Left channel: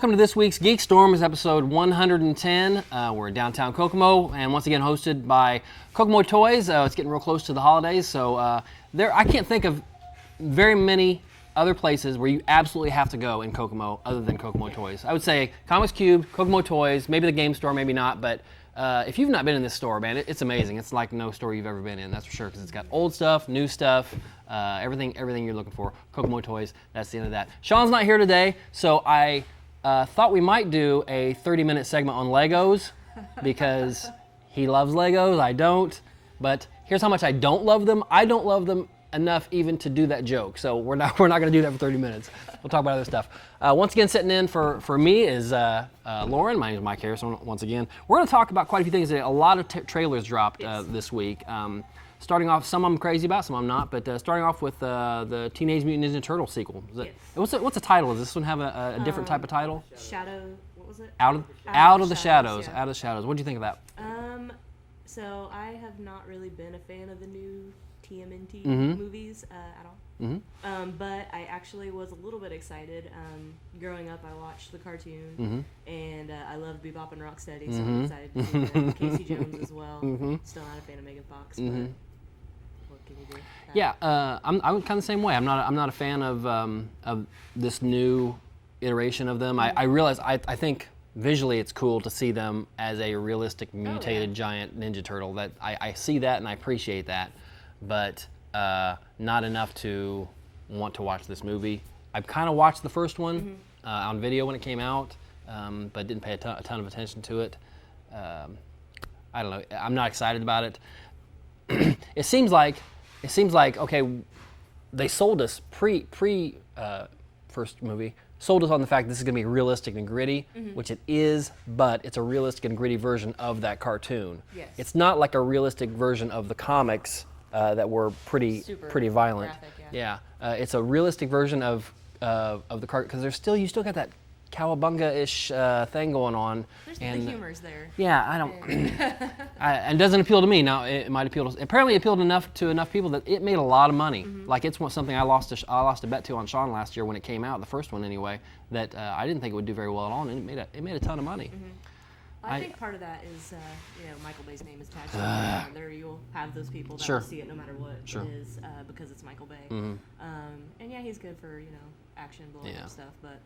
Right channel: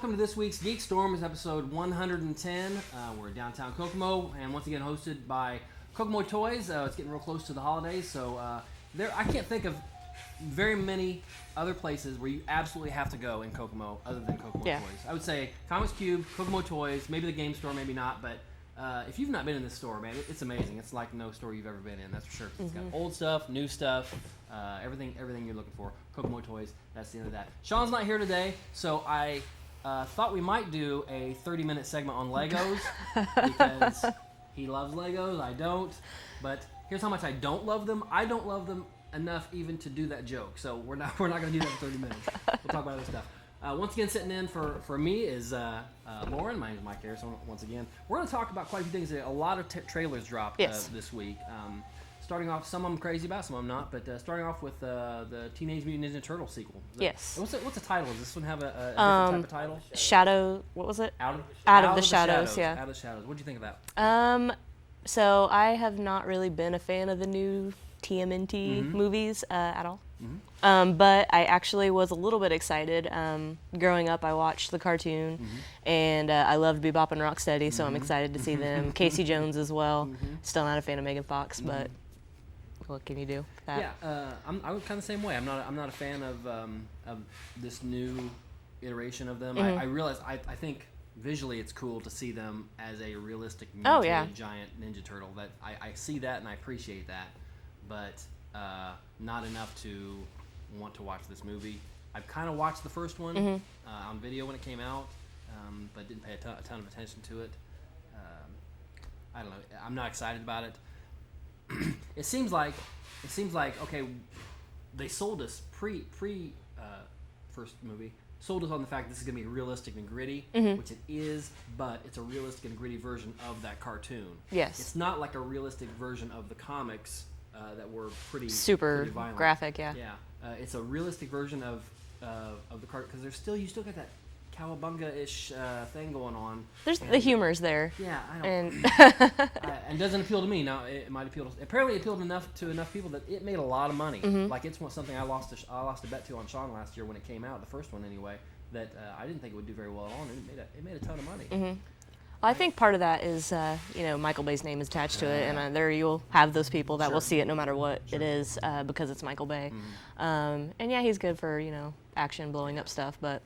welcome to this week's GeekStorm. It's episode 110. We're in downtown Kokomo, and once again hosted by Kokomo Toys. It's getting real close to the holidays, so I can't think of very many other places where you absolutely have to go in Kokomo other than Kokomo Toys. I would say Comics Cube, Kokomo Toys, maybe the game store, maybe not, but if you've not been in this store, man, it's amazing. It's like no store you've ever been in, that's for sure, because it's got old stuff, new stuff, everything you're looking for. Kokomo Toys, that's the end of that. Sean's not here today, so I thought we might do a 30-minute segment on Legos because he loves Legos, I don't. But here's how much I don't love them. I don't love them enough even to do that joke, so we're not going to do that for 30 minutes. We'll talk about other stuff. Once again, sitting in for me is Lauren. My name is Mike Harrison. Once again, we're going to talk about quite a few things. A lot of trailers dropped this week. Starting off, some I'm crazy about, some I'm not. But starting off with the Teenage Mutant Ninja Turtle sequel. Yes. What's the title? Does this one have a different type of title? Shadow. What was it? Out of the Shadows. Yeah. Out of the Shadows. What do you think of that? So I have not really been a fan of the new TMNT movies at all. But I actually was a little bit excited. Growing up, I watched the cartoon, and I loved Bebop and Rocksteady, so I'm excited to see them. Casey Jones as well. Still not a fan of Megan Fox, but what can you do? Yeah, I'm kind of the same way. I'm not a fan of this new iteration of them. I realize I think visually it's cool to see them as a realistic mutated giant ninja turtle. That I see that and I appreciate that, but not enough to want to watch this movie. I've kind of watched the first one on video when it came out, but didn't pay a ton of attention to it. I don't know. I'm not excited about it. It seems like okay, they sold us pre first movie. Sold us on the fact this is going to be realistic and gritty, which it is, but it's a realistic and gritty version of that cartoon. Yes. It's not like a realistic version of the comics that were pretty violent. Graphic, yeah. Yeah, it's a realistic version of the cartoon because you still got that cowabunga-ish thing going on. The humor's there. Yeah, I don't. And doesn't appeal to me. Now it might appeal to. Apparently, it appealed to enough people that it made a lot of money. Like it's something I lost a bet to on Sean last year when it came out, the first one anyway. That I didn't think it would do very well at all, and it made a ton of money. Well, I think part of that is, Michael Bay's name is attached to it, and there you'll have those people that will see it no matter what it is because it's Michael Bay. And yeah, he's good for action, blowing up stuff, but.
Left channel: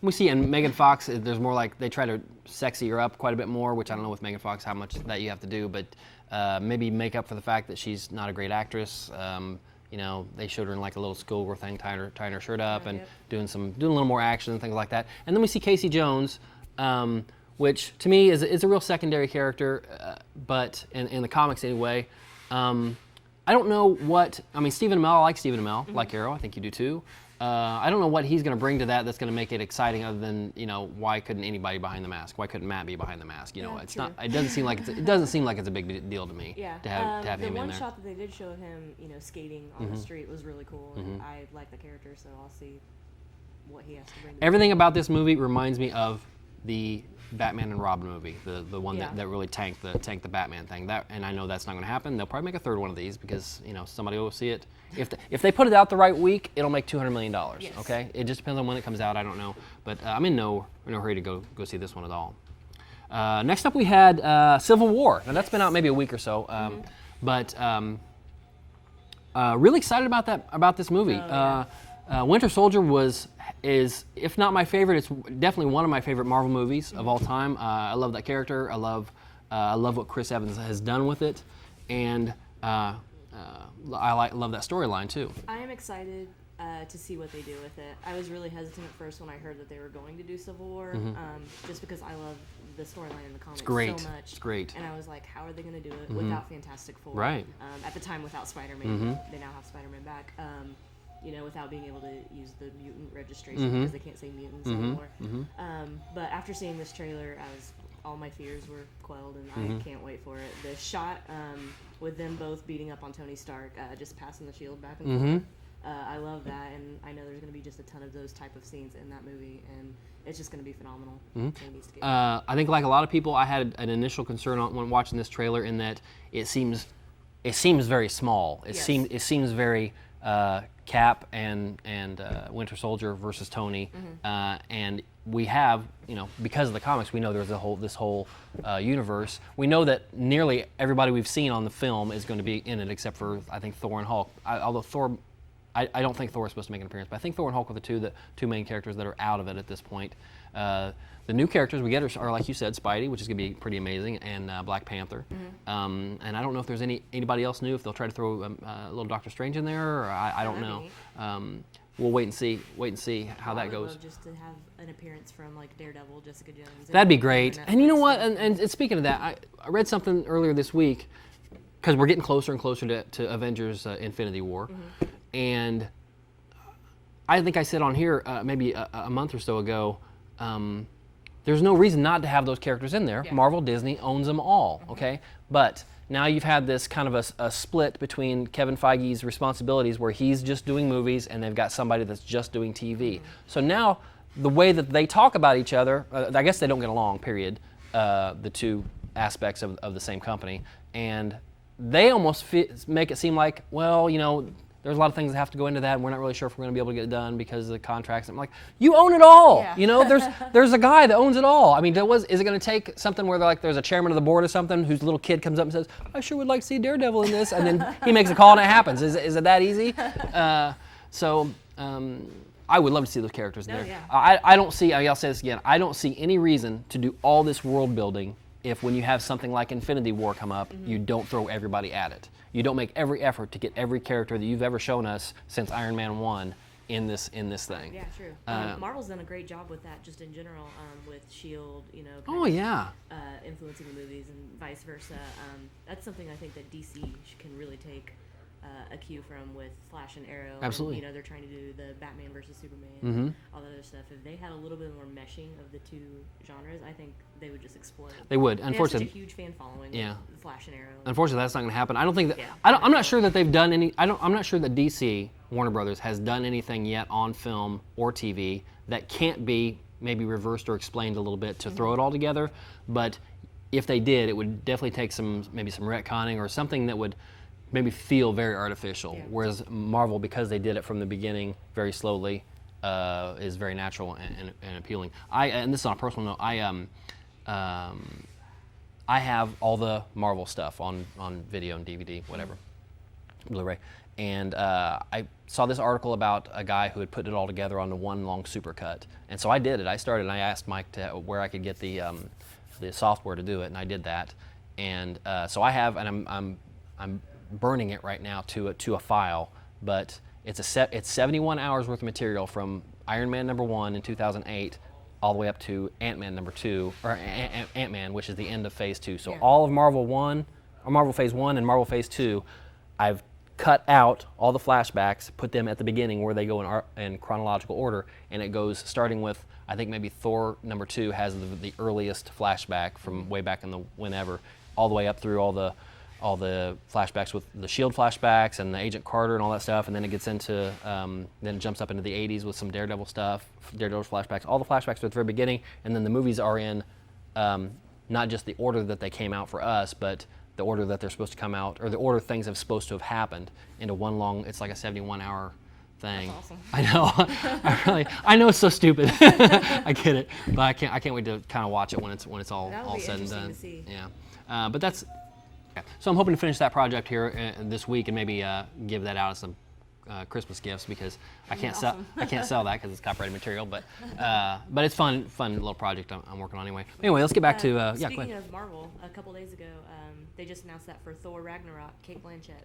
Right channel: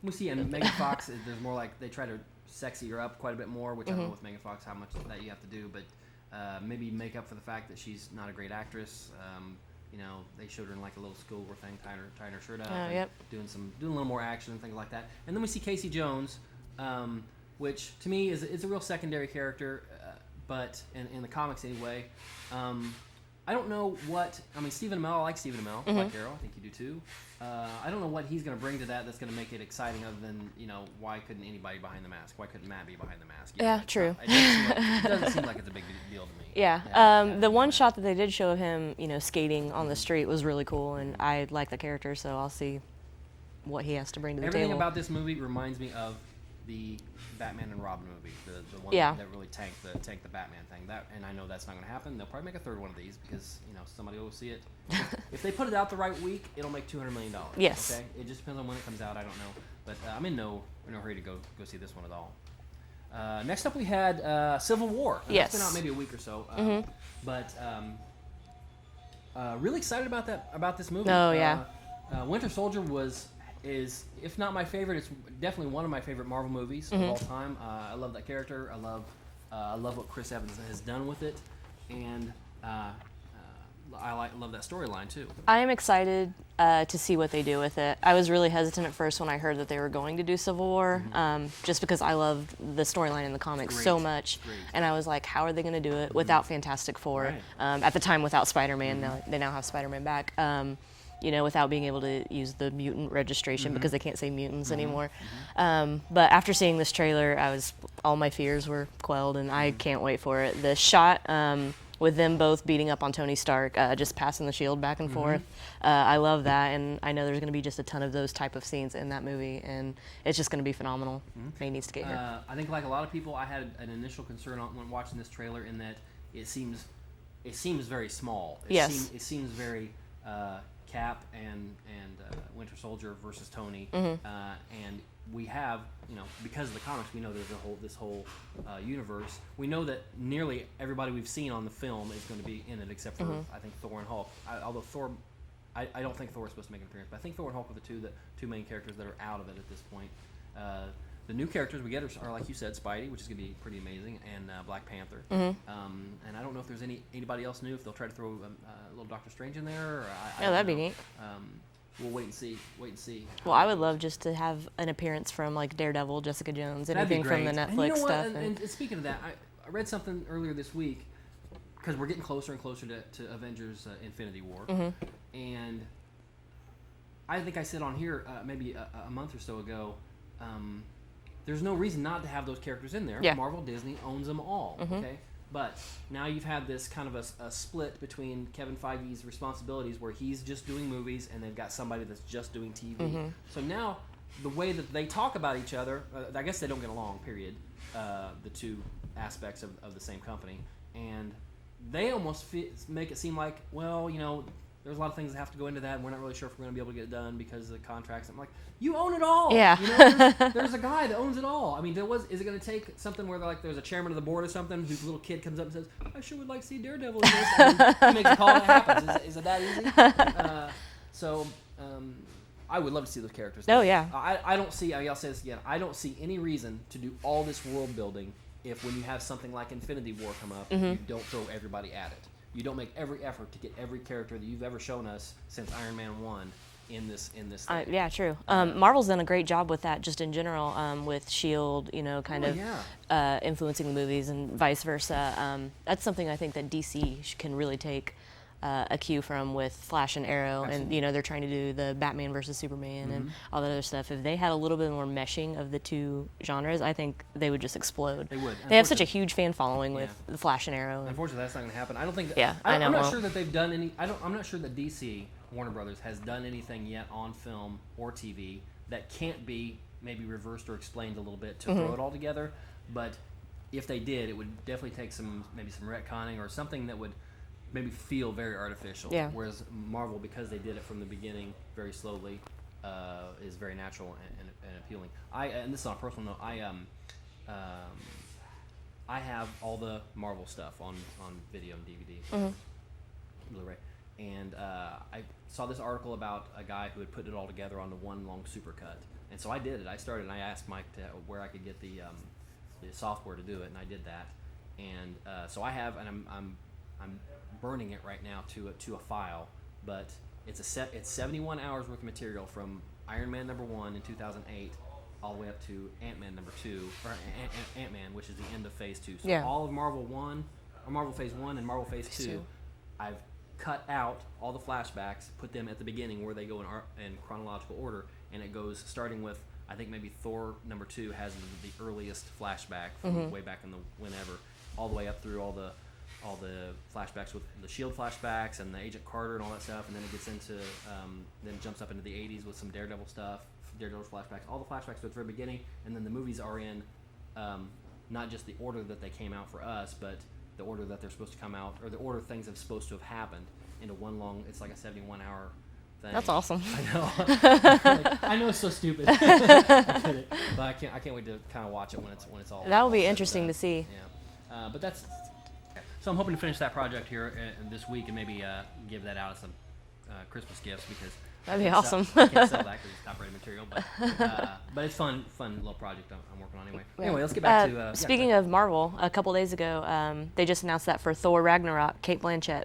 We see in Megan Fox, there's more like they try to sexy her up quite a bit more, which I don't know with Megan Fox how much that you have to do, but maybe make up for the fact that she's not a great actress. They showed her in like a little schoolgirl thing, tying her shirt up and doing a little more action and things like that. And then we see Casey Jones, which to me is a real secondary character, but in the comics anyway. I don't know Stephen Amell, I like Stephen Amell, like Arrow, I think you do too. I don't know what he's going to bring to that's going to make it exciting other than, why couldn't anybody behind the mask? Why couldn't Matt be behind the mask? True. It doesn't seem like it's a big deal to me. Yeah. To have the one shot that they did show of him, skating on the street was really cool, and I like the character, so I'll see what he has to bring to the Everything table. about this movie reminds me of the Batman and Robin movie, the one that really tanked the Batman thing. And I know that's not going to happen. They'll probably make a third one of these because somebody will see it. If they put it out the right week, it'll make $200 million. Yes. Okay. It just depends on when it comes out. I don't know, but I'm in no hurry to go see this one at all. Next up, we had Civil War. Now, that's been out maybe a week or so, but really excited about this movie. Oh, yeah. Winter Soldier is if not my favorite, it's definitely one of my favorite Marvel movies of all time. I love that character. I love what Chris Evans has done with it, and I love that storyline too. I am excited to see what they do with it. I was really hesitant at first when I heard that they were going to do Civil War, just because I love the storyline in the comics so much. It's great. And I was like, how are they going to do it without Fantastic Four? Right. At the time, without Spider-Man. They now have Spider-Man back. Without being able to use the mutant registration because they can't say mutants anymore. But after seeing this trailer, all my fears were quelled, and I can't wait for it. The shot with them both beating up on Tony Stark, just passing the shield back and forth, I love that, and I know there's going to be just a ton of those type of scenes in that movie, and it's just going to be phenomenal. It needs to get here. I think like a lot of people, I had an initial concern when watching this trailer in that it seems very small. It seems very Cap and Winter Soldier versus Tony, and we have, because of the comics, we know there's this whole universe. We know that nearly everybody we've seen on the film is going to be in it, except for I think Thor and Hulk. Although Thor, I don't think Thor is supposed to make an appearance, but I think Thor and Hulk are the two main characters that are out of it at this point. The new characters we get are, like you said, Spidey, which is going to be pretty amazing, and Black Panther. And I don't know if there's anybody else new, if they'll try to throw a little Doctor Strange in there, or I don't know. That'd be neat. We'll wait and see how I that would goes. love just to have an appearance from like Daredevil, Jessica Jones. That'd be anything great. from the And you know Netflix what? stuff. And speaking of that, I read something earlier this week, because we're getting closer and closer to Avengers Infinity War. And I think I said on here maybe a month or so ago, there's no reason not to have those characters in there. Yeah. Marvel, Disney owns them all, okay? But now you've had this kind of a split between Kevin Feige's responsibilities, where he's just doing movies and they've got somebody that's just doing TV. So now the way that they talk about each other, I guess they don't get along, period, the two aspects of the same company. And they almost make it seem like, well, there's a lot of things that have to go into that, and we're not really sure if we're going to be able to get it done because of the contracts. I'm like, you own it all. Yeah. There's a guy that owns it all. I mean, is it going to take something where there's a chairman of the board or something whose little kid comes up and says, I sure would like to see Daredevil in this, and then he makes a call and it happens. Is it that easy? I would love to see those characters. Oh, yeah. I don't see, I'll say this again, I don't see any reason to do all this world building if when you have something like Infinity War come up, you don't throw everybody at it. You don't make every effort to get every character that you've ever shown us since Iron Man 1 in this thing. Yeah, true. Marvel's done a great job with that, just in general, with S.H.I.E.L.D., influencing the movies and vice versa. That's something I think that DC can really take a cue from with Flash and Arrow. Absolutely. And, they're trying to do the Batman versus Superman and all that other stuff. If they had a little bit more meshing of the two genres, I think they would just explode. They would. They have such a huge fan following with the Flash and Arrow. Unfortunately, that's not going to happen. I don't think that. Yeah, I'm not sure that they've done any. I'm not sure that DC, Warner Brothers, has done anything yet on film or TV that can't be maybe reversed or explained a little bit to throw it all together. But if they did, it would definitely take maybe some retconning or something that would maybe feel very artificial. Yeah. Whereas Marvel, because they did it from the beginning very slowly, is very natural and appealing. And this is on a personal note, I have all the Marvel stuff on video and DVD, whatever, Blu-ray. And I saw this article about a guy who had put it all together onto one long supercut. And so I did it. I started and I asked Mike where I could get the software to do it, and I did that. And so I have, and I'm burning it right now to a file, but it's 71 hours worth of material from Iron Man #1 in 2008 all the way up to Ant-Man #2, or Ant-Man, which is the end of Phase 2. So all of Marvel Phase 1 and Marvel Phase 2, I've cut out all the flashbacks, put them at the beginning where they go in chronological order, and it goes starting with, I think maybe Thor #2 has the earliest flashback from way back in the whenever, all the way up through all the flashbacks with the S.H.I.E.L.D. flashbacks and the Agent Carter and all that stuff, and then it gets into, then it jumps up into the 80s with some Daredevil stuff, Daredevil flashbacks. All the flashbacks are at the very beginning, and then the movies are in not just the order that they came out for us, but the order that they're supposed to come out, or the order things are supposed to have happened into one long, it's like a 71-hour thing. That's awesome. I know. I know it's so stupid. I get it, but I can't wait to kind of watch it when it's all. That will be said and interesting done. to see. Yeah, but that's. So I'm hoping to finish that project here this week and maybe give that out as some Christmas gifts, because That'd be awesome. I can't sell that because it's copyrighted material. But it's fun little project I'm working on anyway. Anyway, let's get back to. Speaking of Marvel, a couple days ago, they just announced that for Thor Ragnarok, Cate Blanchett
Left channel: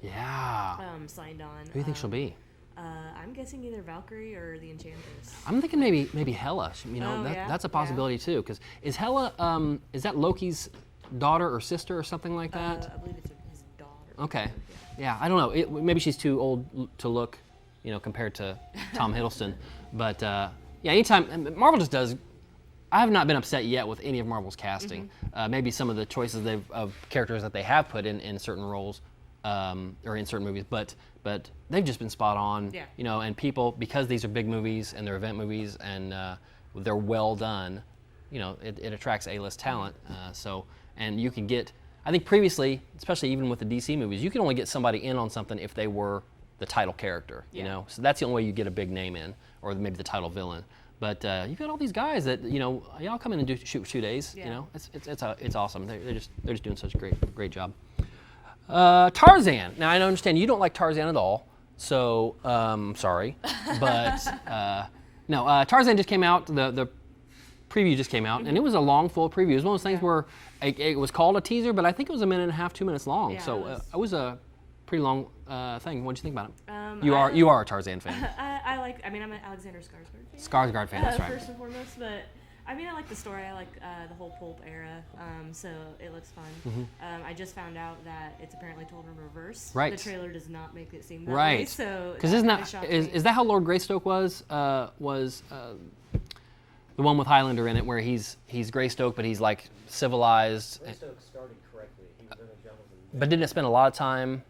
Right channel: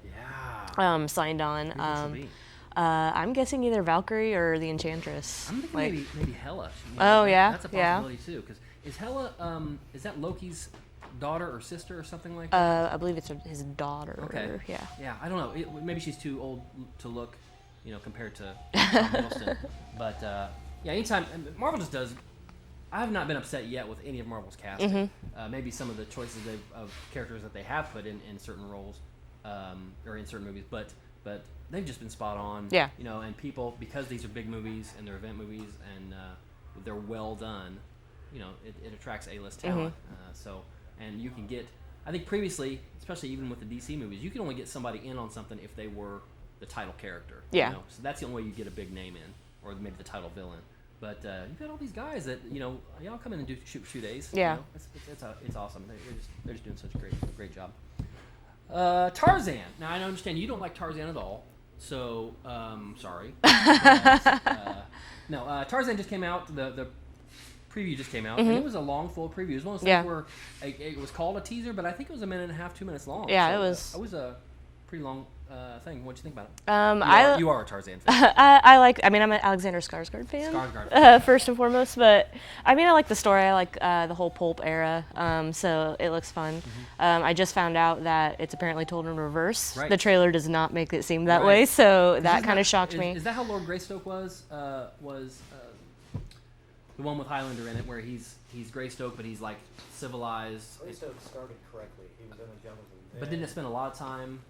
signed on. Who do you think she'll be? I'm guessing either Valkyrie or the Enchantress. I'm thinking maybe Hela. That's a possibility too. Because is Hela is that Loki's daughter or sister or something like that? I believe it's his daughter. Okay. Yeah. Yeah, I don't know. Maybe she's too old to look, compared to Tom Hiddleston. But anytime Marvel just does. I have not been upset yet with any of Marvel's casting. Maybe some of the choices of characters that they have put in certain roles, or in certain movies, but they've just been spot on. Yeah. And people, because these are big movies and they're event movies and they're well done, it attracts A-list talent. And you can get, I think previously, especially even with the DC movies, you can only get somebody in on something if they were the title character. Yeah. So that's the only way you get a big name in, or maybe the title villain. But you've got all these guys that y'all come in and do shoot days. Yeah. It's awesome. They're just doing such a great job. Tarzan. Now I understand you don't like Tarzan at all, so sorry. But no, Tarzan just came out. The preview just came out, and it was a long, full preview. It was one of those things where it was called a teaser, but I think it was a minute and a half, 2 minutes long. Yeah, so, it was a pretty long thing. What did you think about it? I You are a Tarzan fan. I'm an Alexander Skarsgård fan. Skarsgård fan. First and foremost, but I like the story. I like the whole pulp era, so it looks fun. I just found out that it's apparently told in reverse. Right. The trailer does not make it seem that way, so that kind of shocked me. Is that how Lord Greystoke was the one with Highlander in it, where he's Greystoke, but he's like civilized? Greystoke started correctly. He was in the jungles. But didn't it spend a lot of time?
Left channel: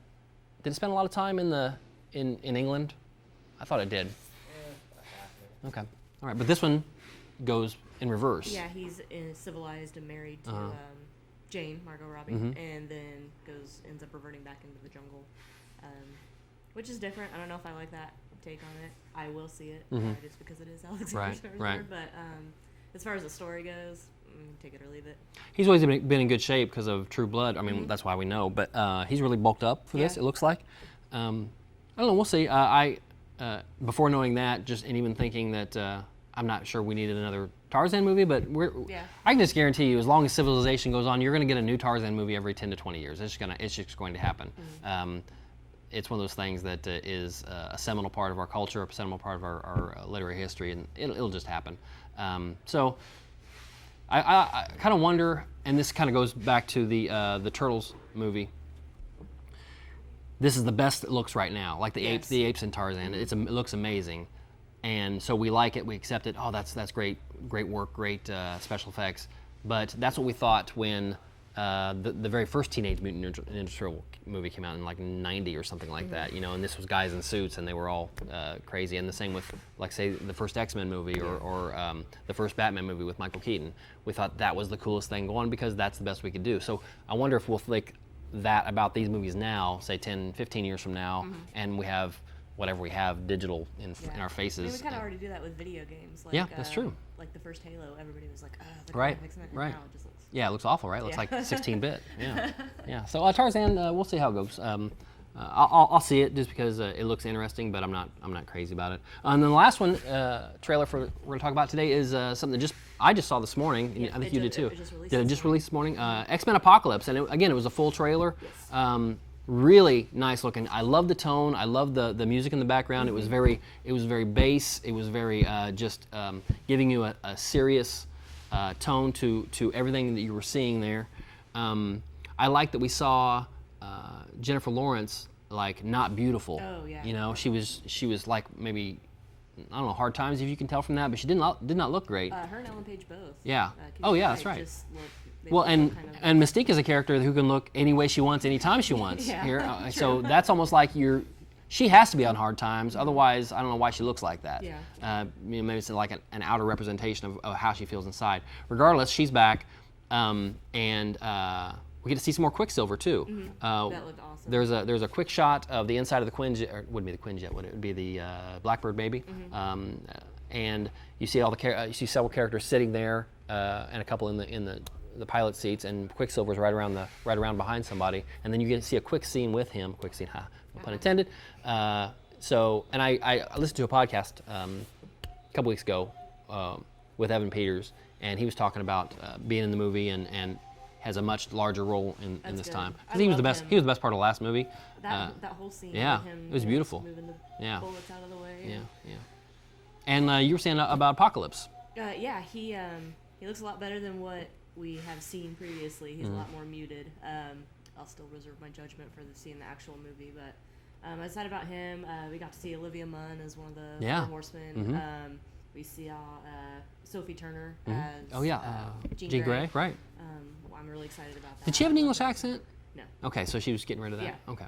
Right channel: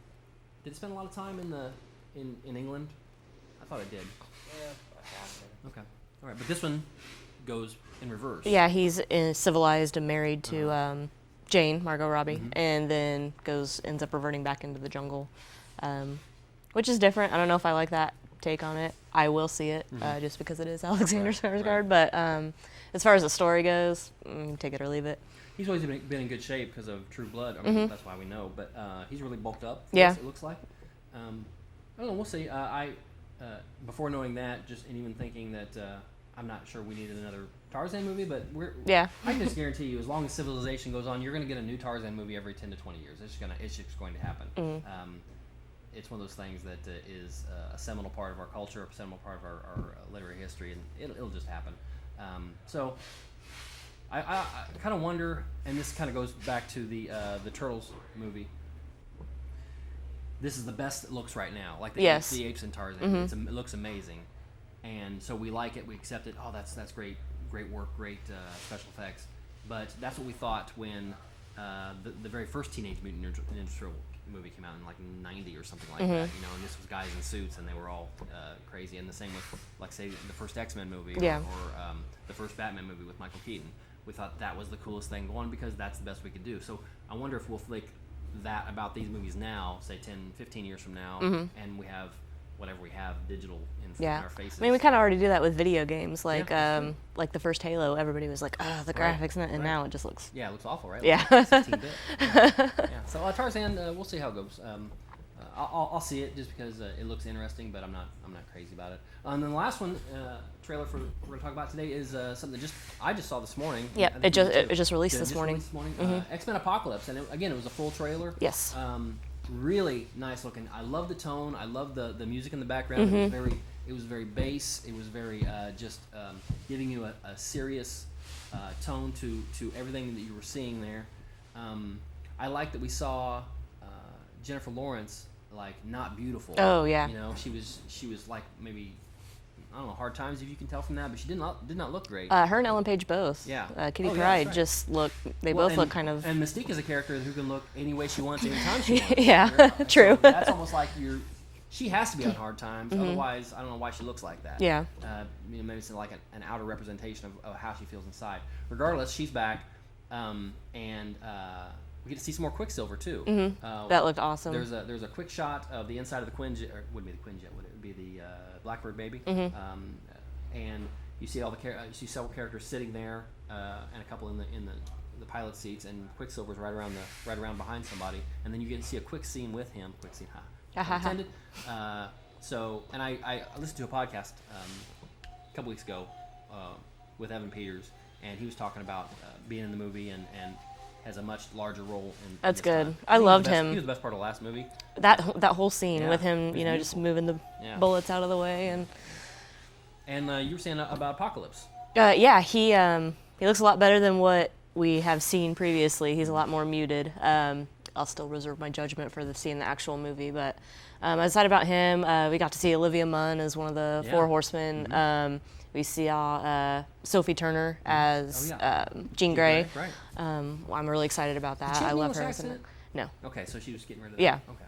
Did it spend a lot of time in England? I thought it did. Yeah, Okay. All right, but this one goes in reverse. Yeah, he's civilized and married to Jane, Margot Robbie, and then ends up reverting back into the jungle, which is different. I don't know if I like that take on it. I will see it just because it is Alexander Skarsgård. Right. But as far as the story goes, take it or leave it. He's always been in good shape because of True Blood. I mean, that's why we know. But he's really bulked up for this, it looks like. I don't know. We'll see. Before knowing that, and even thinking that I'm not sure we needed another Tarzan movie, but I can just guarantee you, as long as civilization goes on, you're going to get a new Tarzan movie every 10 to 20 years. It's just going to happen. It's one of those things that is a seminal part of our culture, a seminal part of our literary history, and it'll just happen. So I kind of wonder, and this kind of goes back to the Turtles movie. This is the best it looks right now, like the apes and Tarzan. It looks amazing, and so we like it, we accept it. Oh, that's great work, great special effects. But that's what we thought when the very first Teenage Mutant Ninja Turtle movie came out in like '90 or something like that, and this was guys in suits and they were all crazy. And the same with, like, say, the first X-Men movie or the first Batman movie with Michael Keaton. We thought that was the coolest thing going because that's the best we could do. So I wonder if we'll think that about these movies now, say 10, 15 years from now, and we have whatever we have digital in our faces. I mean, we kind of already do that with video games. Like, that's true. like the first Halo, everybody was like, "Oh, the graphics," and now it just looks. Yeah, it looks awful, right? It looks like 16-bit. Yeah. So Tarzan, we'll see how it goes. I'll see it just because it looks interesting, but I'm not crazy about it. And then the last one, trailer we're going to talk about today is something that I just saw this morning. Yeah, it just released this morning. Released this morning. Xmen Apocalypse, and it was a full trailer. Yes. Really nice looking. I love the tone. I love the music in the background. It was very bass. It was very giving you a serious tone to everything that you were seeing there. I like that we saw Jennifer Lawrence like not beautiful. Oh yeah. She was like maybe, I don't know, hard times if you can tell from that, but she did not look great. Her and Ellen Page both. Yeah. Kitty Pryde just look. They both look kind of. And Mystique is a character who can look any way she wants, anytime she wants. Yeah. True. So that's almost like she has to be on hard times. Otherwise, I don't know why she looks like that. Yeah. Maybe it's like an outer representation of how she feels inside. Regardless, she's back, and we get to see some more Quicksilver too. That looked awesome. There's a quick shot of the inside of the Quinjet, or wouldn't be the Quinjet, would it? It would be the Blackbird baby. And you see you see several characters sitting there, and a couple in the pilot seats, and Quicksilver's right around behind somebody, and then you get to see a quick scene with him. Quick scene, pun intended. And I listened to a podcast a couple weeks ago with Evan Peters, and he was talking about being in the movie and has a much larger role in That's this good. time. I loved him. He was the best part of the last movie. That whole scene with him, just just moving the bullets out of the way And you were saying about Apocalypse. He looks a lot better than what we have seen previously. He's a lot more muted. I'll still reserve my judgment for seeing the actual movie, but I'm excited about him. We got to see Olivia Munn as one of the Four Horsemen. We see Sophie Turner as Jean Grey. Right. I'm really excited about that. Did she have I an love English her. accent? No. Okay, so she was getting rid of that. Yeah. Okay.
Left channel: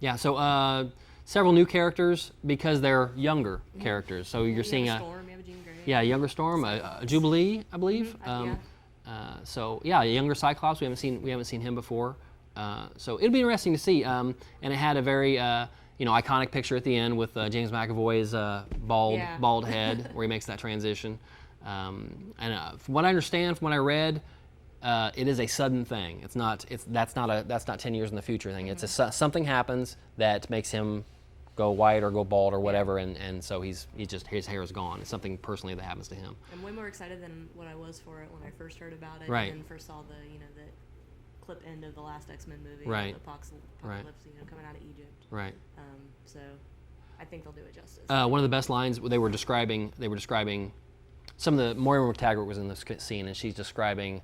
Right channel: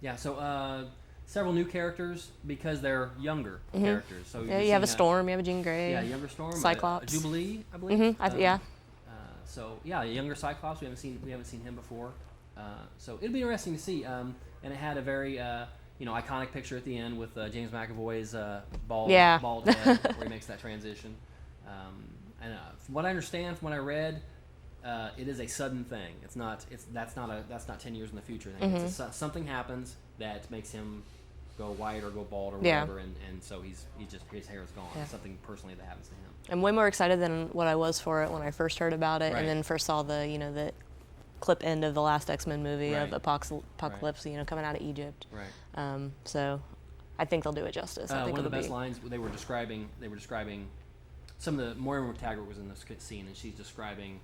Yeah, so several new characters because they're younger characters. So you're you seeing have a Storm, you have a Jean Grey. Yeah, younger Storm, Cyclops. a Jubilee, I believe. A younger Cyclops. We haven't seen him before. So it'll be interesting to see. And it had a very iconic picture at the end with James McAvoy's bald head where he makes that transition. And from what I understand, from what I read, it is a sudden thing. That's not 10 years in the future thing. Mm-hmm. Something happens that makes him go white or go bald or whatever, and so his hair is gone. It's something personally that happens to him. I'm way more excited than what I was for it when I first heard about it, Right. and then first saw the the clip end of the last X-Men movie Right. of Apocalypse, coming out of Egypt. Right. So I think they'll do it justice. One of the best lines they were describing some of the Moira McTaggart was in this scene, and she's describing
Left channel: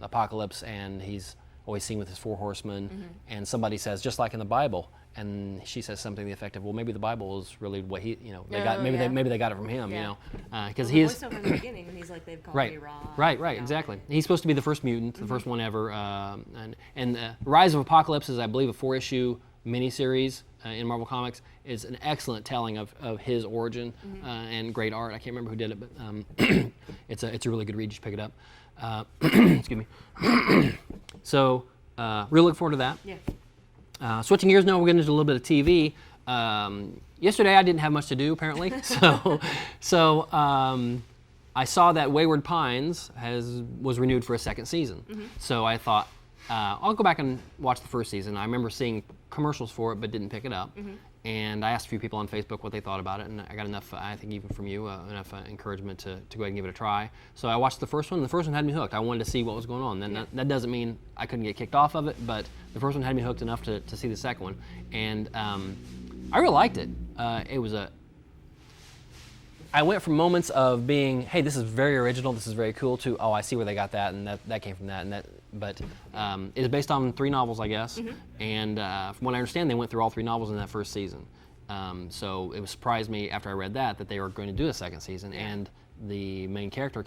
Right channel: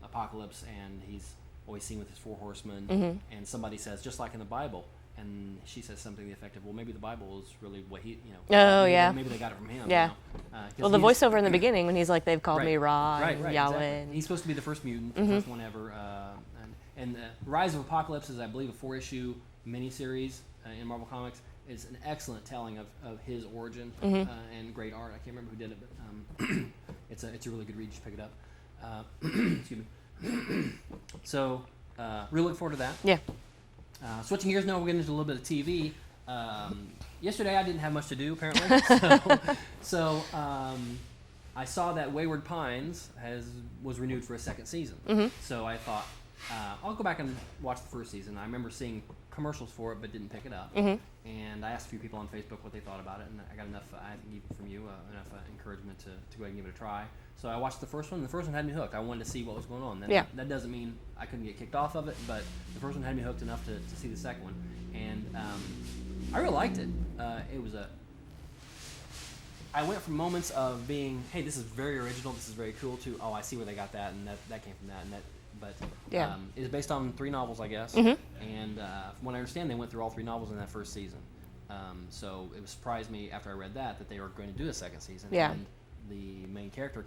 Apocalypse, and he's always seen with his 4 horsemen, Mm-hmm. and somebody says, just like in the Bible, and she says something to the effect of, well, maybe the Bible is really what he, maybe they got it from him. Yeah. Well, the voiceover in the beginning when he's like, they've called me Ra. Right, and Yahweh, exactly. and- He's supposed to be the first mutant, the first one ever. And Rise of Apocalypse is, I believe, a 4-issue miniseries in Marvel Comics. It's an excellent telling of his origin and great art. I can't remember who did it, but it's a really good read. You should pick it up. Excuse me. So, really looking forward to that. Yeah. Switching gears now, we're getting into a little bit of TV. Yesterday, I didn't have much to do, apparently. So I saw that Wayward Pines was renewed for a second season. So I thought, I'll go back and watch the first season. I remember seeing commercials for it, but didn't pick it up. And I asked a few people on Facebook what they thought about it, and I got enough, I think even from you, enough encouragement to go ahead and give it a try. So I watched the first one, and the first one had me hooked. I wanted to see what was going on. That doesn't mean I couldn't get kicked off of it, but the first one had me hooked enough to see the second one. And I really liked it. I went from moments of being, hey, this is very original, this is very cool, to, oh, I see where they got that, and that came from that, and that. But it is based on 3 novels, I guess. And from what I understand, they went through all 3 novels in that first season. So it surprised me after I read that they were going to do a second season. Yeah. And the main character,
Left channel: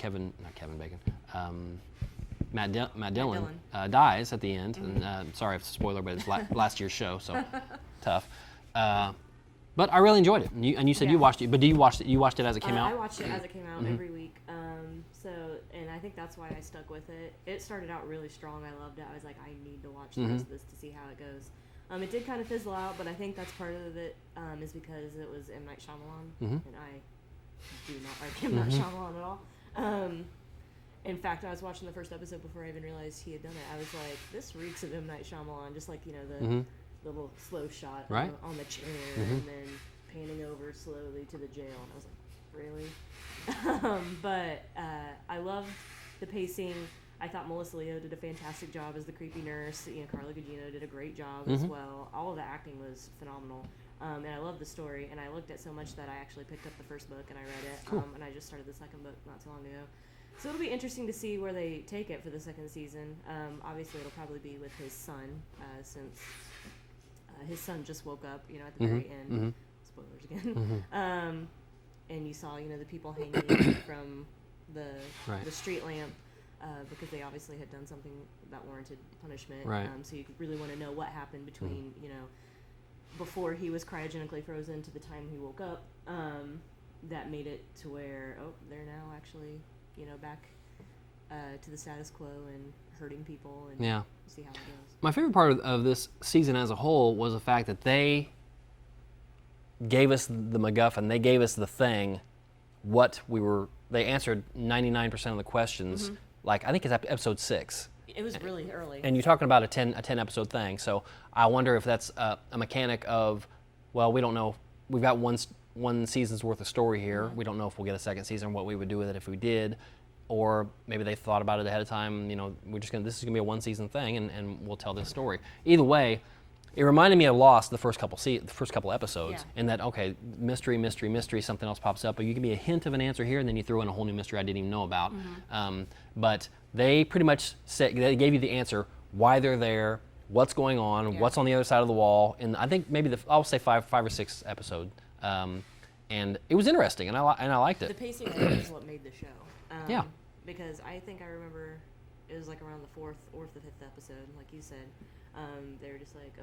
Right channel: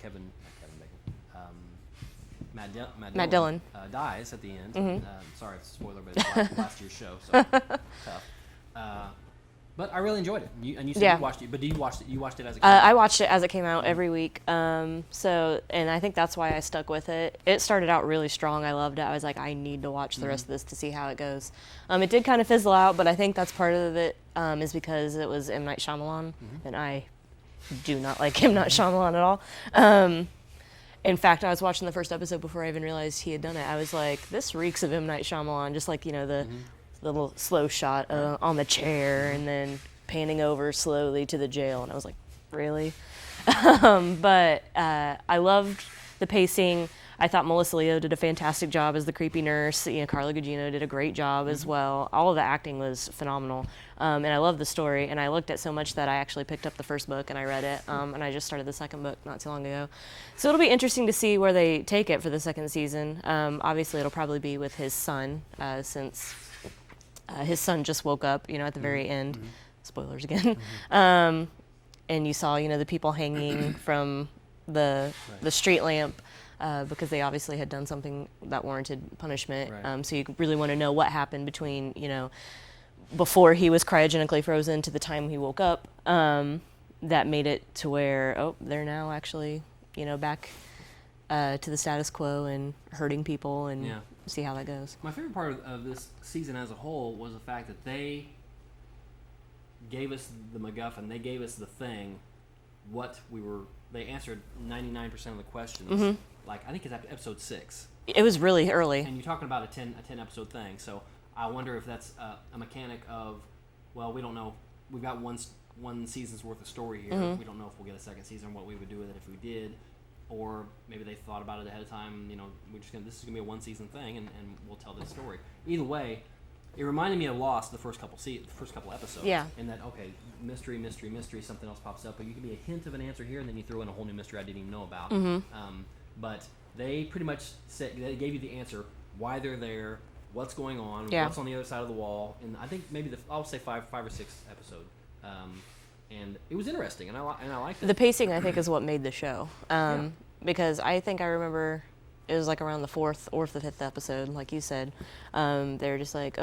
Matt Dillon, dies at the end. Sorry if it's a spoiler, but it's last year's show, so tough. But I really enjoyed it. And you said you watched it, but you watched it as it came out? I watched it as it came out every week. And I think that's why I stuck with it. It started out really strong. I loved it. I was like, I need to watch the rest of this to see how it goes. It did kind of fizzle out, but I think that's part of it is because it was M. Night Shyamalan, and I do not like M. Night Shyamalan at all. In fact, I was watching the first episode before I even realized he had done it. I was like, this reeks of M. Night Shyamalan, just like, the little slow shot on the chair and then panning over slowly to the jail. And I was like, really? But I loved the pacing. I thought Melissa Leo did a fantastic job as the creepy nurse. Carla Gugino did a great job as well. All of the acting was phenomenal. And I love the story. And I looked at so much that I actually picked up the first book and I read it. And I just started the second book not too long ago. So it'll be interesting to see where they take it for the second season. Obviously, it'll probably be with his son, since his son just woke up, at the very end. Spoilers again. And you saw, the people hanging from the street lamp because they obviously had done something that warranted punishment. Right. So you really want to know what happened between, before he was cryogenically frozen to the time he woke up. That made it to where, they're now actually, back to the status quo and hurting people and see how that goes. My favorite part of this season as a whole was the fact that they gave us the MacGuffin, they gave us the thing, they answered 99% of the questions. Like, I think it's episode 6. It was really early. And you're talking about a 10 episode thing, so I wonder if that's a mechanic of, well, we don't know, we've got one season's worth of story here, we don't know if we'll get a second season, what we would do with it if we did. Or maybe they thought about it ahead of time. This is gonna be a 1-season thing, and we'll tell this story. Either way, it reminded me of Lost the first couple episodes. Yeah. And that mystery, something else pops up, but you give me a hint of an answer here, and then you throw in a whole new mystery I didn't even know about. But they pretty much they gave you the answer, why they're there, what's going on, what's on the other side of the wall, and I think maybe I'll say 5 or 6 episode. And it was interesting, and I liked it. The pacing, I think, is what made the show. Because I think I remember it was like around the 4th or the 5th episode, like you said. They were just like,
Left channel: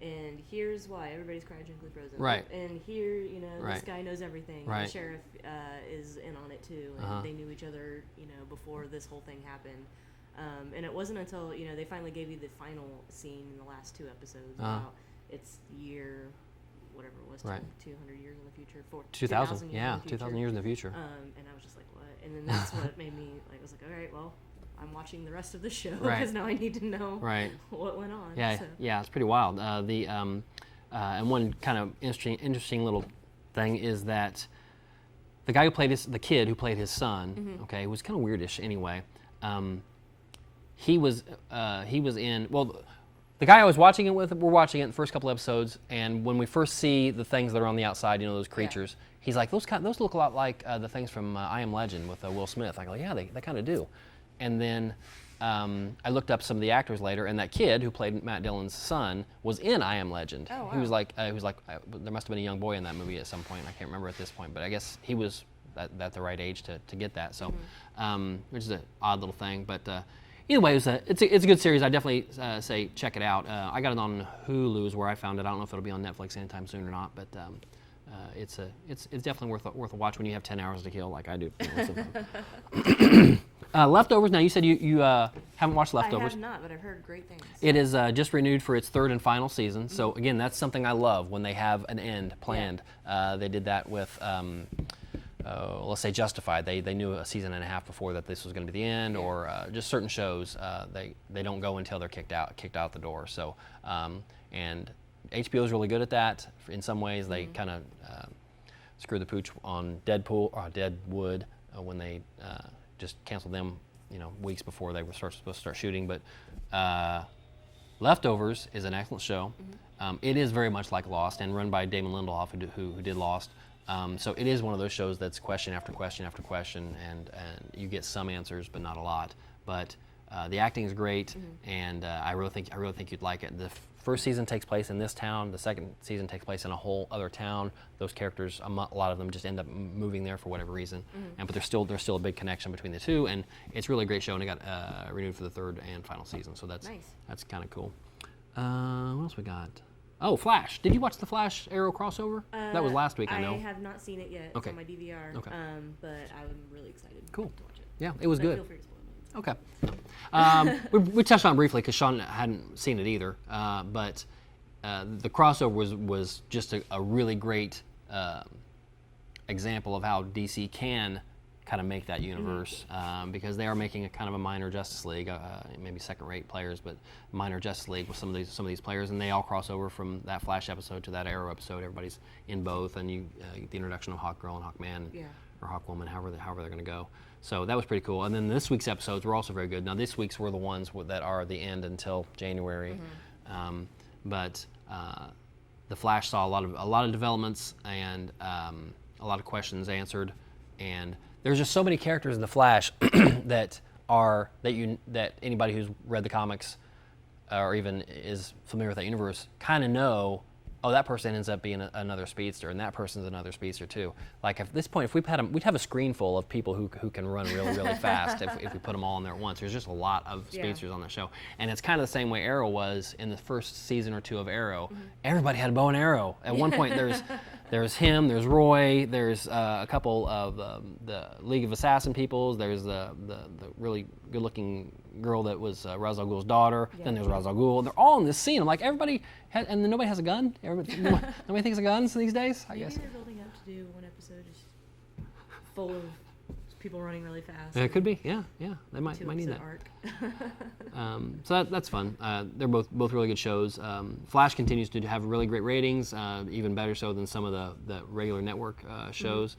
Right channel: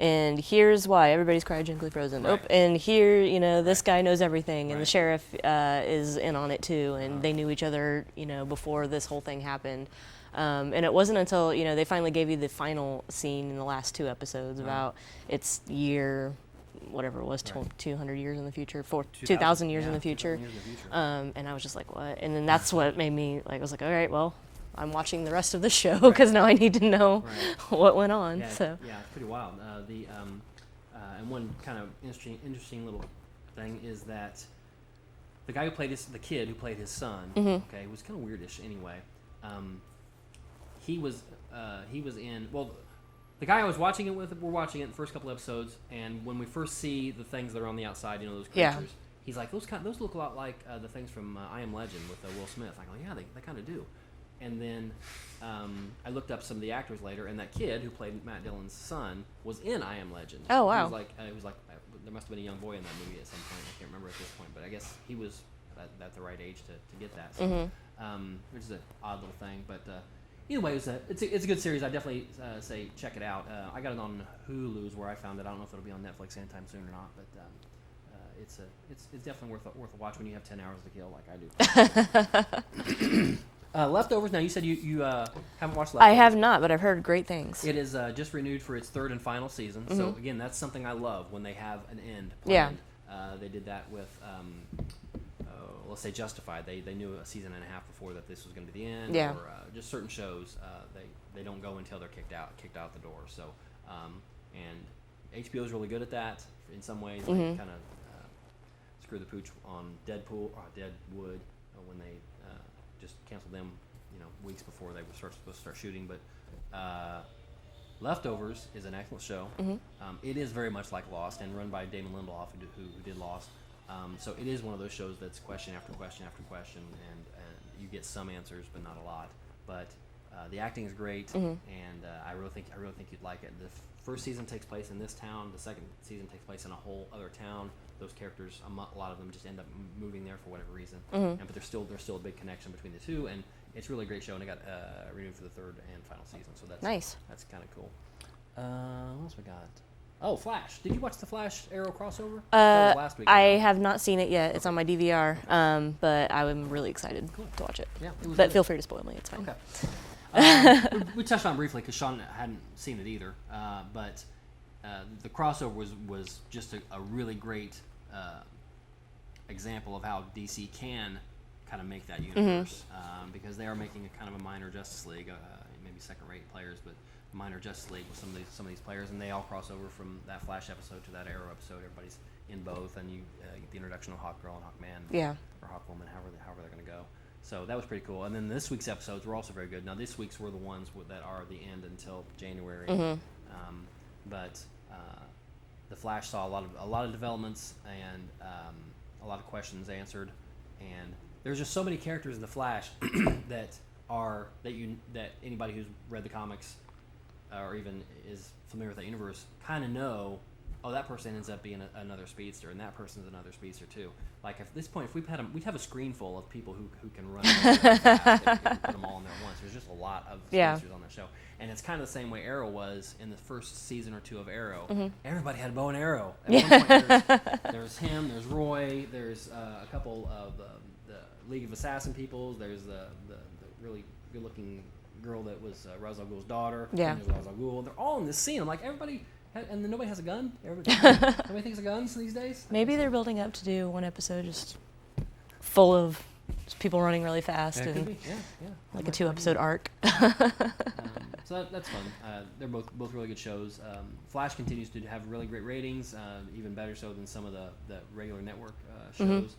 and here's why everybody's cryogenically frozen. Right. Oh, and here, this Right. guy knows everything, and the Right. sheriff is in on it too, and they knew each other, before this whole thing happened. And it wasn't until, they finally gave you the final scene in the last 2 episodes about its year, whatever it was, Right. 200 years in the future, 2,000 years in the future. 2,000 years in the future. And I was just like, what? And then that's what made me, I was like, all right, well, I'm watching the rest of the show Right. because now I need to know Right. what went on. Yeah, So. yeah, it's pretty wild. And one kind of interesting little thing is that the guy who played the kid who played his son, okay, was kind of weirdish anyway. He was in, the guy I was watching it with, we're watching it the first couple episodes, and when we first see the things that are on the outside, those Yeah. creatures, he's like, those look a lot like the things from I Am Legend with Will Smith. I go, yeah, they kind of do. And then I looked up some of the actors later, and that kid who played Matt Dillon's son was in I Am Legend. Oh, wow. He was like, there must have been a young boy in that movie at some point. I can't remember at this point, but I guess he was at the right age to get that. So, which is an odd little thing, but. Either way, it's a good series. I definitely say check it out. I got it on Hulu is where I found it. I don't know if it'll be on Netflix anytime soon or not, but it's definitely worth a watch when you have 10 hours to kill like I do. Leftovers. Now you said you haven't watched Leftovers. I have not, but I've heard great things. It is just renewed for its 3rd and final season. So again, that's something I love when they have an end planned. They did that with. Let's say Justified. They knew a season and a half before that this was going to be the end, Yeah. or just certain shows they don't go until they're kicked out the door. So and HBO is really good at that. In some ways, they kind of screw the pooch on Deadwood when they just canceled them, weeks before they were supposed to start shooting. But Leftovers is an excellent show. It is very much like Lost and run by Damon Lindelof, who did Lost. So it is one of those shows that's question after question after question, and you get some answers, but not a lot. But the acting is great, and I really think you'd like it. The first season takes place in this town. The second season takes place in a whole other town. Those characters, a lot of them, just end up moving there for whatever reason. But there's still a big connection between the two, and it's really a great show. And it got renewed for the 3rd and final season. So that's Nice. That's kind of cool. What else we got? Oh, Flash. Did you watch the Flash Arrow crossover? That was last week. I know. have not seen it yet. It's Okay. on my DVR, Okay. but I'm really excited Cool. to watch it. Yeah, it was But good. feel free to spoil me. It's fine. Okay. We touched on it briefly because Sean hadn't seen it either. But the crossover was just a really great example of how DC can kind of make that universe, because they are making a kind of a minor Justice League, maybe second-rate players, but minor Justice League with some of these players, and they all cross over from that Flash episode to that Arrow episode. Everybody's in both, and you get the introduction of Hawkgirl and Hawkman, or Hawkwoman, however they're going to go. So that was pretty cool. And then this week's episodes were also very good. Now this week's were the ones that are the end until January, but the Flash saw a lot of developments and a lot of questions answered, and there's just so many characters in the Flash that anybody who's read the comics or even is familiar with that universe kind of know. Oh, that person ends up being another speedster, and that person's another speedster too. Like at this point, if we'd have a screen full of people who can run really, really fast if we put them all in there at once. There's just a lot of speedsters on that show, and it's kind of the same way Arrow was in the first season or 2 of Arrow. Everybody had a bow and arrow. At one point, there's him, there's Roy, there's a couple of the League of Assassin peoples. There's the really good-looking girl that was Ra's al Ghul's daughter. Yeah. And there's Ra's al Ghul. They're all in this scene. I'm like, everybody. And then nobody has a gun? Nobody thinks of guns these days? Maybe they're building up to do one episode just full of just people running really fast. It could be, yeah. Like a 2-episode arc. So that's fun. They're both really good shows. Flash continues to have really great ratings, even better so than some of the regular network shows.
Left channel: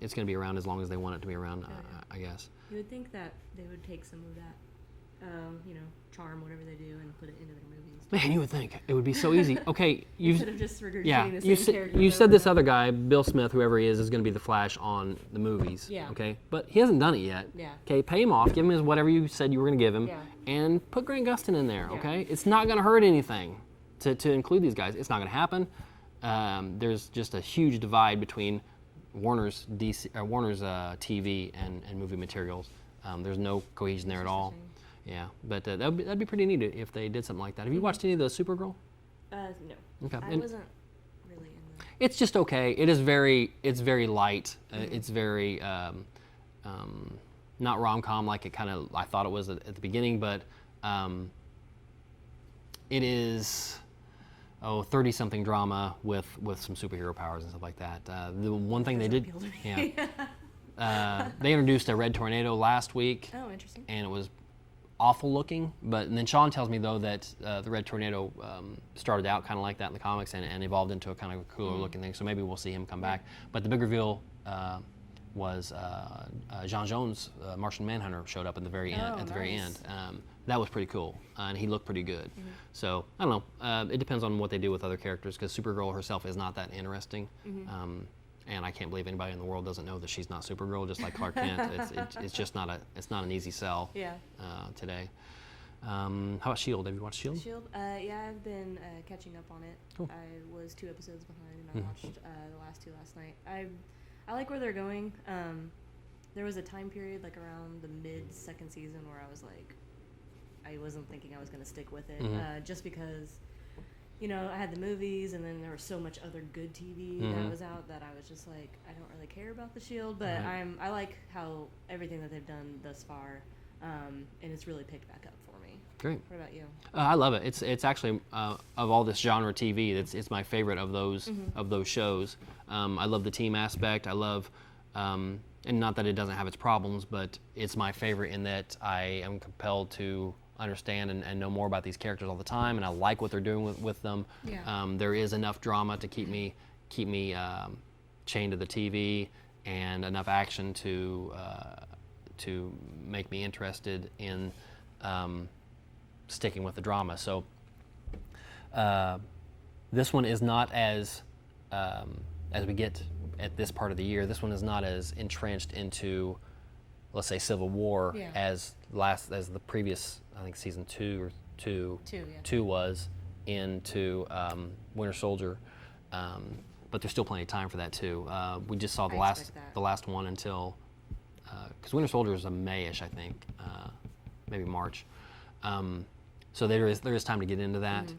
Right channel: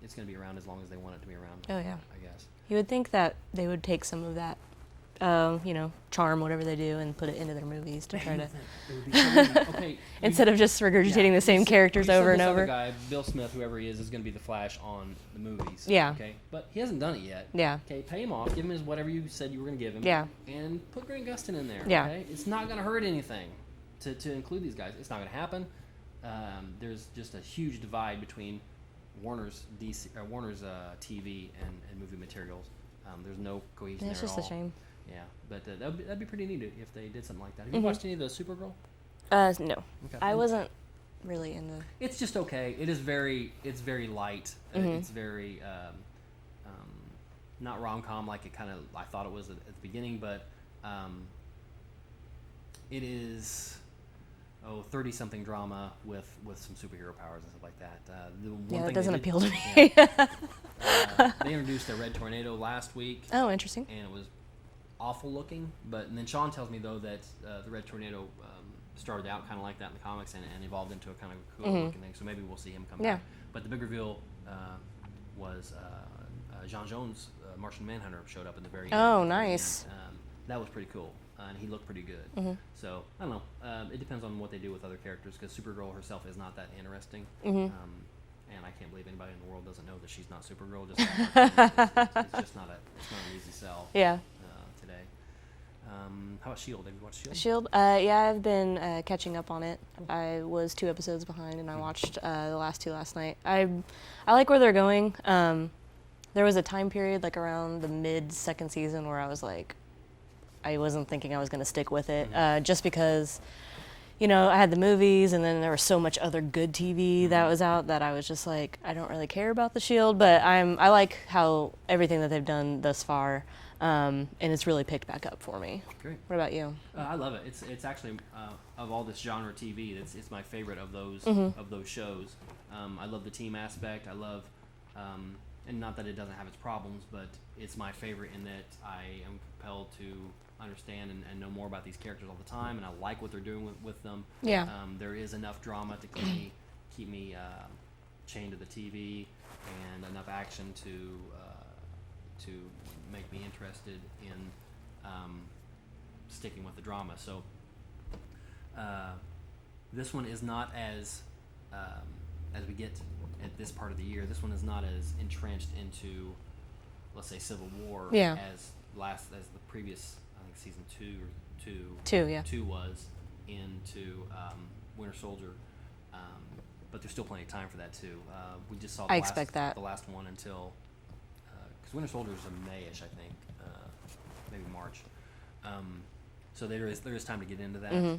It's going to be around as long as they want it to be around, I guess. You would think that they would take some of that, charm, whatever they do, and put it into their movies. Man, you would think. It would be so easy. Okay. Instead of just regurgitating the same characters you over said and this over. other guy, Bill Smith, whoever he is going to be the Flash on the movies. Yeah. Okay. But he hasn't done it yet. Yeah. Okay. Pay him off. Give him whatever you said you were going to give him. Yeah. And put Grant Gustin in there. Yeah. Okay. It's not going to hurt anything to include these guys. It's not going to happen. There's just a huge divide between Warner's TV and movie materials. There's no cohesion there at all. It's just a shame. Yeah, but that'd be pretty neat if they did something like that. Have you watched any of the Supergirl? No. Okay. I wasn't really into. It's just okay. It's very light. It's very not rom-com like I thought it was at the beginning, but it is 30-something drama with some superhero powers and stuff like that. The one thing that doesn't they did, appeal to me. they introduced a red tornado last week. Oh, interesting. And it was awful looking, and then Sean tells me though that the red tornado started out kind of like that in the comics and evolved into a kind of a cooler looking thing, so maybe we'll see him come back. But the big reveal was John Jones, Martian Manhunter, showed up at the very end. Oh, nice. That was pretty cool, and he looked pretty good. So I don't know, it depends on what they do with other characters, because Supergirl herself is not that interesting. And I can't believe anybody in the world doesn't know that she's not Supergirl, just like Clark Kent. It's just not an easy sell today. How about S.H.I.E.L.D.? Have you watched S.H.I.E.L.D.? S.H.I.E.L.D. Yeah, I've been catching up on it. I was 2 episodes behind, and I watched the last 2 last night. I like where they're going. There was a time period, like around the mid-2nd season, where I was like, I wasn't thinking I was going to stick with it, just because, I had the movies, and then there was so much other good TV that was out that I was just like, I don't really care about the S.H.I.E.L.D., but I like how everything that they've done thus far, and it's really picked back up for me. Great. What about you? I love it. It's actually of all this genre TV, it's my favorite of those shows. I love the team aspect. I love, and not that it doesn't have its problems, but it's my favorite in that I am compelled to understand and know more about these characters all the time, and I like what they're doing with them. Yeah. There is enough drama to keep me chained to the TV, and enough action to make me interested in sticking with the drama. So this one is not as we get at this part of the year. This one is not as entrenched into, let's say, Civil War as the previous. I think season 2 was into Winter Soldier, but there's still plenty of time for that too. We just saw the last one until because Winter Soldier is a Mayish, I think, maybe March. So there is time to get into that,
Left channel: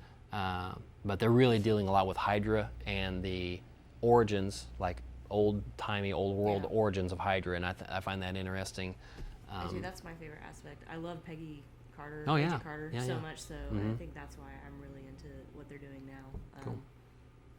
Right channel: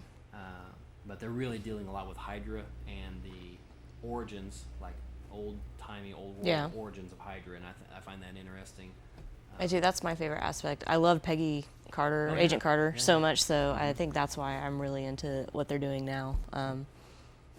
but they're really dealing a lot with Hydra and the origins, like old world origins of Hydra, and I find that interesting. I do. That's my favorite aspect. I love Peggy Carter, Oh, yeah. Agent Carter, Yeah, so yeah. much. So I think that's why I'm really into what they're doing now,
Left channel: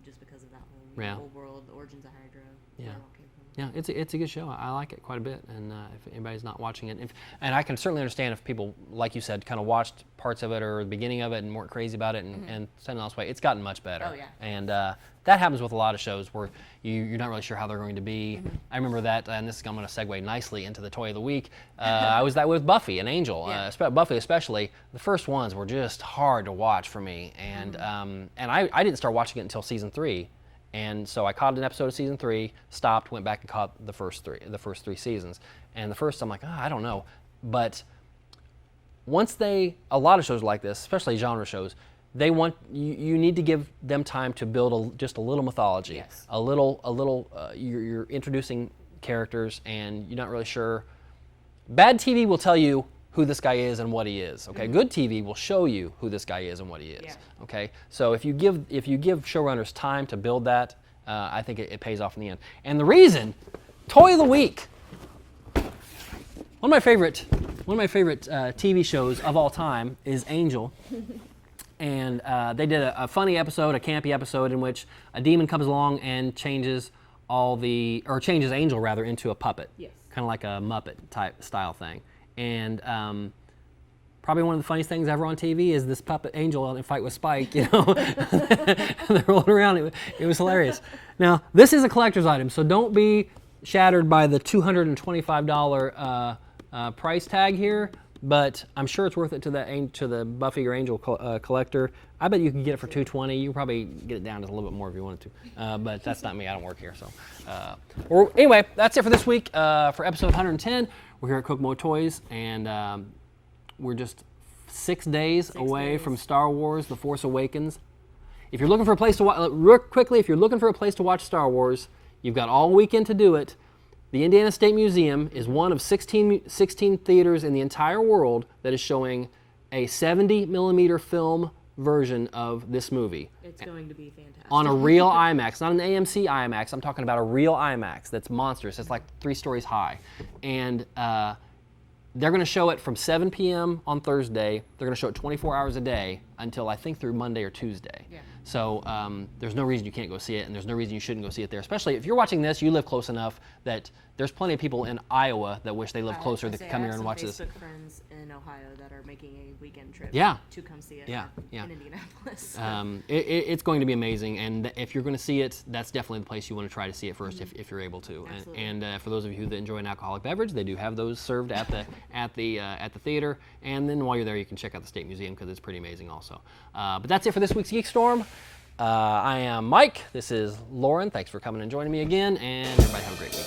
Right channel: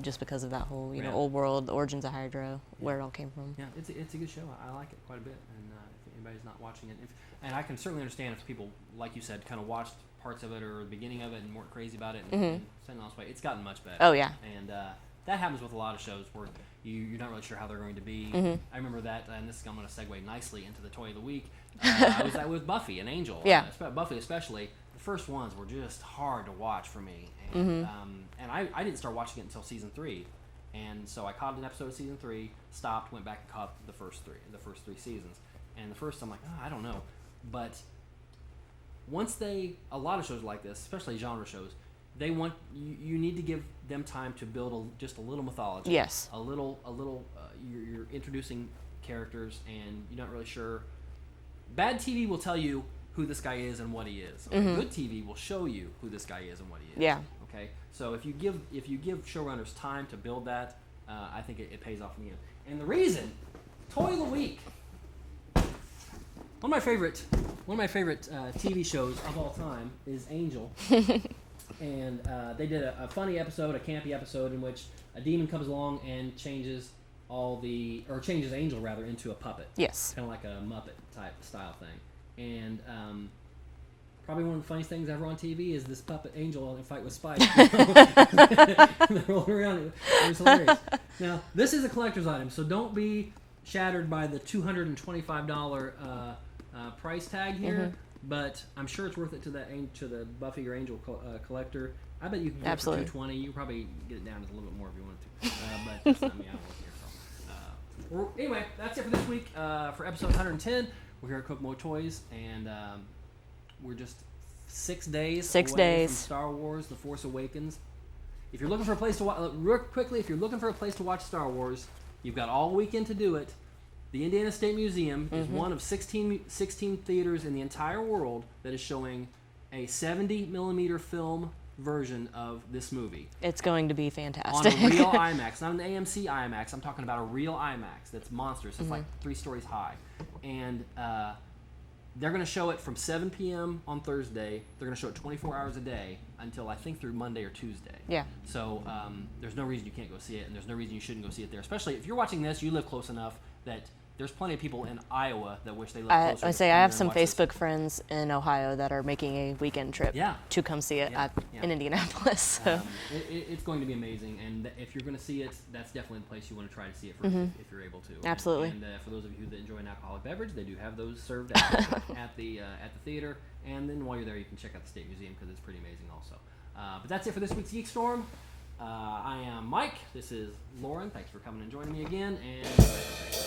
just because of that whole old world, the origins of Hydra, where it all came from. Yeah, it's a good show. I like it quite a bit, and if anybody's not watching it, and I can certainly understand if people, like you said, kind of watched parts of it or the beginning of it and weren't crazy about it and sent it else way. It's gotten much better. Oh, yeah. And that happens with a lot of shows where you're not really sure how they're going to be. I remember that, and I'm going to segue nicely into the Toy of the Week. I was that with Buffy and Angel. Yeah. Buffy especially. The first ones were just hard to watch for me, and I didn't start watching it until season 3. And so I caught an episode of season 3, stopped, went back and caught the first 3 seasons. And the first, I'm like, I don't know. But once a lot of shows like this, especially genre shows, they want you need to give them time to build just a little mythology. Yes. A little. You're introducing characters, and you're not really sure. Bad TV will tell you who this guy is and what he is. Okay. Good TV will show you who this guy is and what he is. Yeah. Okay. So if you give showrunners time to build that, I think it pays off in the end. And the reason, Toy of the Week. One of my favorite TV shows of all time is Angel. And they did a funny episode, a campy episode, in which a demon comes along and changes Angel rather into a puppet. Yes. Kind of like a Muppet type style thing. And probably one of the funniest things ever on TV is this puppet Angel in a fight with Spike. They're rolling around. It was hilarious. Now, this is a collector's item, so don't be shattered by the $225 price tag here. But I'm sure it's worth it to the Buffy or Angel collector. I bet you can get it for $220. You can probably get it down to a little bit more if you wanted to. But that's not me. I don't work here. So, anyway, that's it for this week for episode 110. We're here at Kokomo Toys, and we're just 6 days away from Star Wars: The Force Awakens. If you're looking for a place to watch, real quickly, if you're looking for a place to watch Star Wars, you've got all weekend to do it. The Indiana State Museum is one of 16 theaters in the entire world that is showing a 70 millimeter film version of this movie It's going to be fantastic. on a real IMAX, not an AMC IMAX. I'm talking about a real IMAX that's monstrous. It's like 3 stories high. And they're going to show it from 7 p.m. on Thursday. They're going to show it 24 hours a day until I think through Monday or Tuesday. Yeah. So there's no reason you can't go see it, and there's no reason you shouldn't go see it there. Especially if you're watching this, you live close enough that there's plenty of people in Iowa that wish they lived closer. I to say come I have here and some watch this. Facebook friends in Ohio that are making a weekend trip Yeah. to come see it Yeah, in Indianapolis. So. It's going to be amazing, and if you're going to see it, that's definitely the place you want to try to see it first if you're able to. Absolutely. And for those of you that enjoy an alcoholic beverage, they do have those served at the theater. And then while you're there, you can check out the State Museum because it's pretty amazing also. But that's it for this week's GeekStorm. I am Mike. This is Lauren. Thanks for coming and joining me again, and everybody have a great week.